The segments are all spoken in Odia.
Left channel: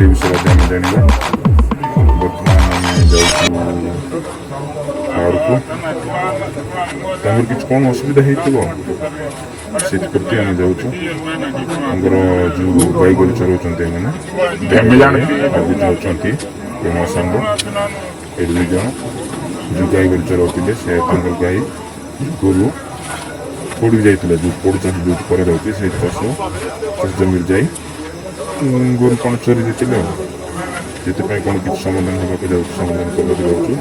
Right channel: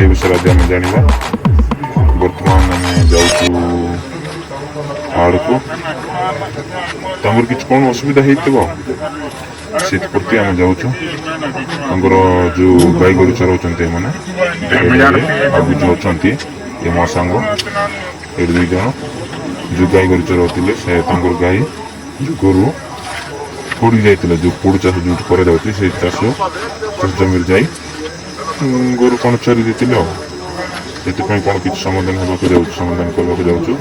ସେ ବିଷୟରେ ଆମେ ଜାଣିବା। ବର୍ତ୍ତମାନ ଆମେ ଯାଉଛୁ ବାହାରକୁ, ତାଙ୍କର କିଛି କ'ଣ ଅସୁବିଧା ହେଇଥିବ ସେଥିପ୍ରତି ଆମେ ଯାଉଛୁ। ତାଙ୍କର ଯେଉଁ ଗାଈ ଗୋରୁ ଚରାଉଛନ୍ତି ଏମାନେ ଯାଉଛନ୍ତି ଏ ମୋ ସାଙ୍ଗ ଏ 2 ଜଣ ଯେଉଁ ଗାଈ ଗୋରୁ ଚରାଉଥିଲେ, ସେ ତାଙ୍କର ଗାଈ ଗୋରୁ ପଡ଼ିକି ଯାଇଥିଲେ, ଯେଉଁ ପୋଡ଼ ଚାଷ ଯେଉଁଠି କରାଯାଉଛି ସେଇ ଚାଷ ଜମିରେ ଯାଇ ଗୋରୁ କ'ଣ ଚରି ଦେଇଥିଲେ ଆଉ। ସେଥିପାଇଁ କ'ଣ କିଛି ସମାଧାନ ହେବାକୁ ଯାଉଛି, ସମାଧାନ କରିବାକୁ ଯାଉଛୁ।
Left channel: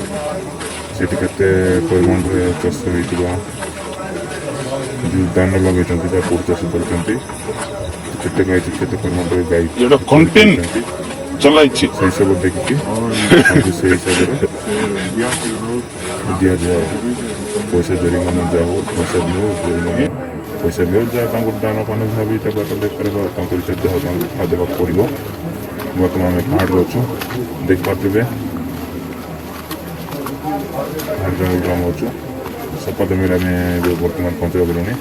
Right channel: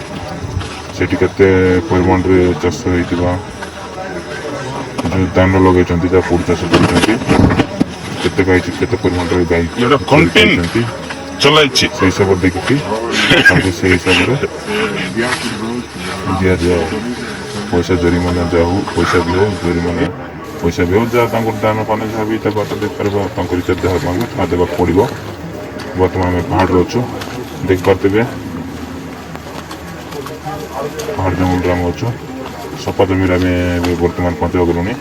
ସେଠି କେତେ ପରିମାଣରେ ଚାଷ ହେଇଥିବା ଯେଉଁ ଧାନ ଲଗାଇଛନ୍ତି, ଯାହା ପୋଡ଼ ଚାଷ କରୁଛନ୍ତି, କେତେ ଗାଈ କେତେ ପରିମାଣରେ ଗାଈ ଚଲାଇଛନ୍ତି ସେଇ ହିସାବରେ ଦେଖିକି ସେଇ ହିସାବରେ ଦିଆଯାଏ। ପଇସା ଜରିମାନା ଯାହା ହଉ, ପଇସା ବି ହଉ, ଜରିମାନା ପଇସା ବି ହଉ, ଯାହା ତାଙ୍କୁ ଦାନ ପାନ ଯାହା ବି ତାକୁ ବାଟ ଦେଇପାରିବ, ତାଙ୍କ ରିଚାର୍ଜ ଦେବା ପାଇଁ ତାହା ଦେବାକୁ ପଡ଼ିବ। ବର୍ତ୍ତମାନ ଆମେ ପାହାଡ଼ରେ ଅଛୁ, ଦେଖିପାରୁଥିବେ ପାହାଡ଼ ଜଙ୍ଗଲରେ ଆମେ ଅଛୁ। ସପା ଜମିରେ ଆମେ ଏବେ ବର୍ତ୍ତମାନ ପହଞ୍ଚିଗଲୁଣି।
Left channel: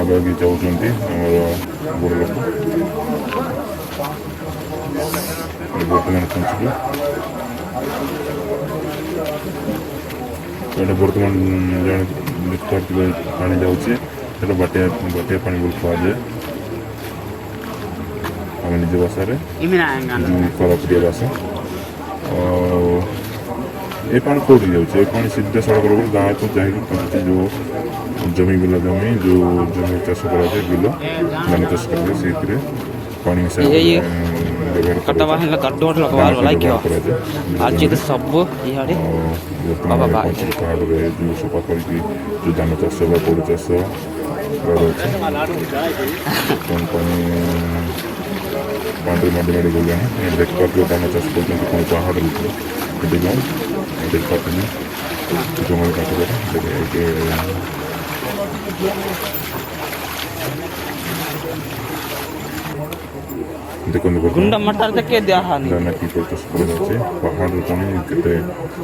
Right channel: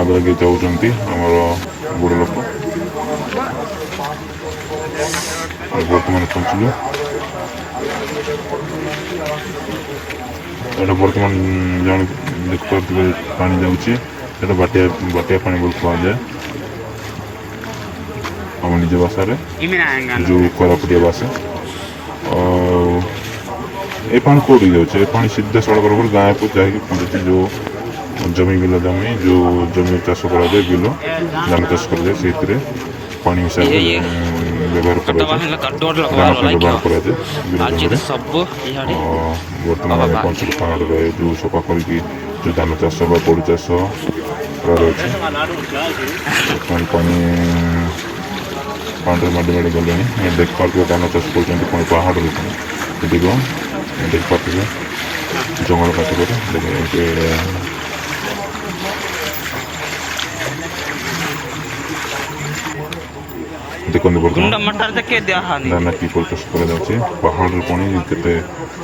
ଆଗେ ଯାଉଛନ୍ତି ଆମର ଗୁରୁନାଥ। ବର୍ତ୍ତମାନ ପହଞ୍ଚିଲୁ। ଏଇଟା ବର୍ତ୍ତମାନ ଜଣେ ଦେଖିପାରୁଥିଲେ ପାଣି ଯାଉଛି, ସେଇଟା ବାଟିଆ ପାଣି ବୋଲି କୁହାଯାଏ ଆମ ନିଜ ଭାଷାରେ, ଯେଉଁ କୋରାପୁଟିଆ ଭାଷା। ଆଉ ଏ ପାଣି କେଉଁଠିକି ଯାଉଛି? ଏ ପାଣି ସିଧା ସଡ଼କ ଗାଁକୁ ଯାଇକି ପଡ଼ୁଛି ଯେଉଁ ଜମି ବିଲ ଜମି, ଯେଉଁ ଜମି ଚାଷ କରାଯାଏ, ବିଲ ଧାନ ଚାଷ କରାଯାଏ, ସେଇଥିରେ ପାଣି ହିସାବରେ ବ୍ୟବହାର କରାଯାଏ। ବର୍ତ୍ତମାନ ଆମେ ପହଞ୍ଚିଲୁ ପାହାଡ଼ରେ, ଯେଉଁ ସଫା କରିକି ଯେଉଁ ଧାନ ଚାଷ ବା ପୋଡ଼ ଚାଷ କରାଯାଉଛି। ବର୍ତ୍ତମାନ ପାଣିରେ ମାଡ଼ି ଗଲେଣି। ଦେଖିପାରୁଥିବେ ଧାନ ଚାଷ କରୁଛନ୍ତି ପୁଣି ପାହାଡ଼ରେ ଉପରେ। ଦେଖ ଦେଖିପାରୁଥିବେ ଜଙ୍ଗଲ କାଟିକି ଦେଖନ୍ତୁ ଧାନ କିପରି ଚାଷ କରାଯାଉଛି। ପାହାଡ଼ରେ ପୁଣି କେତେ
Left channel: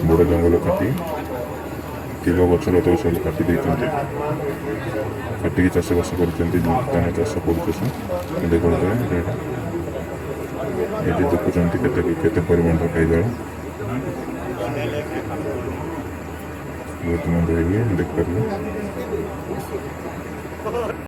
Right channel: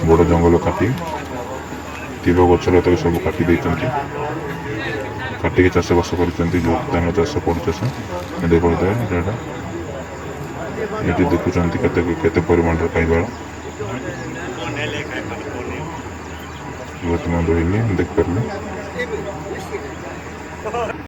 ବଡ଼ ଜଙ୍ଗଲ କାଟି ଥିବା ଗଛ ଲତା ସବୁ କାଟି ଦେଇଛନ୍ତି, କାଟିକି ଚାଷବାସ କରିଛନ୍ତି। ଧାନ ଚାଷ ପୋଡ଼ ଚାଷ ଦେଖୁଥିବେ, ଏଠି ଦେଖୁଛନ୍ତି କେତେ ପରିମାଣରେ ଖାଇବାର ବର୍ତ୍ତମାନ ରହିନି, ଦେଖିପାରିବେ।